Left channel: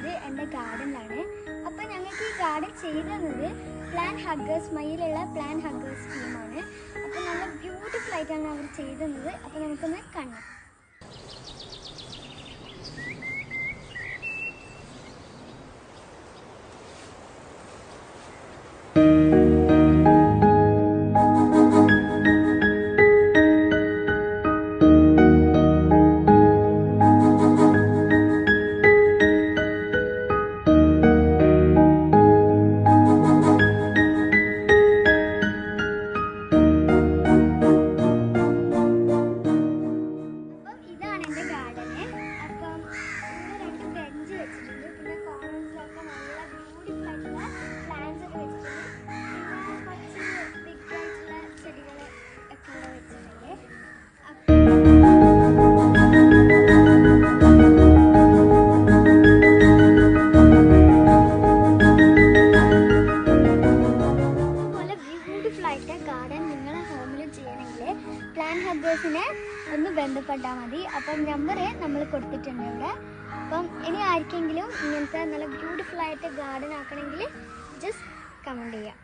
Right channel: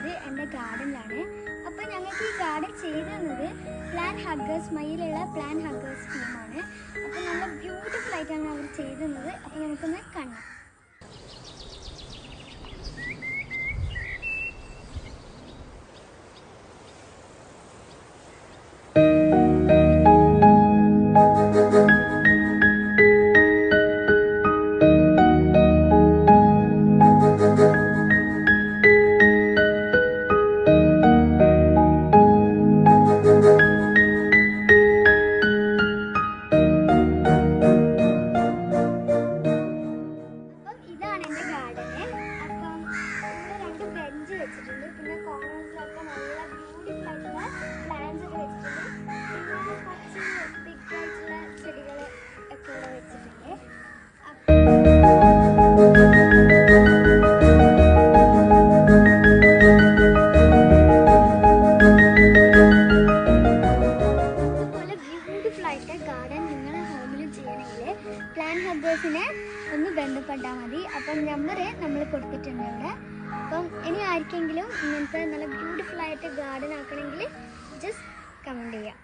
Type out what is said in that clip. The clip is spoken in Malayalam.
ഉള്ളത് എൻ്റെ ഗാർഡനിലാണ്. അപ്പോൾ ഞങ്ങൾക്ക് ഈ ഗാർഡൻ ചെയ്തു തന്നത് പ്ലാൻ ഹഗ്ഗേഴ്സ് മയിലുള്ള പ്ലാൻ ഹഗ്ഗേഴ്സ് ടീമാണ്. അപ്പോൾ നല്ല ബ്യൂട്ടിഫുൾ ആയിട്ടാണ് അവർ ചെയ്തു തന്നത്. അപ്പോൾ നമുക്കൊന്ന് കാണാം. പിന്നെ കോർണേഴ്സിലൊക്കെ നല്ല ബ്യൂട്ടിഫുൾ ആയിട്ടുള്ള പ്ലാന്റ്സ് ഒക്കെ വെച്ചിട്ടുണ്ട്. പിന്നെ കുറച്ച് ബിഗ് ആയിട്ടുള്ള ചെടികൾ ഒക്കെ ഇവിടെ വെച്ചിട്ടുണ്ട്. ഇതുപോലെ ബ്യൂട്ടിഫുൾ ആയിട്ട് ഗാർഡൻ നിങ്ങളെ ഹോമിൽ ചെയ്യണമെങ്കിൽ പ്ലാൻ ഹഗ്ഗേഴ്സിനെ ഒന്ന് ബന്ധപ്പെട്ടാൽ മതി. അപ്പം നമ്പർ നമ്മൾ കൊടുത്തിട്ടുണ്ട് ഇവിടെ. അപ്പം ഇനി ആർക്കെങ്കിലും ഇങ്ങനത്തെ നല്ല ബ്യൂട്ടിഫുൾ ആയിട്ട് ഗാർഡൻ ആക്കണമെങ്കിൽ ജസ്റ്റ് കമൻറ്റ് ചെയ്യാം.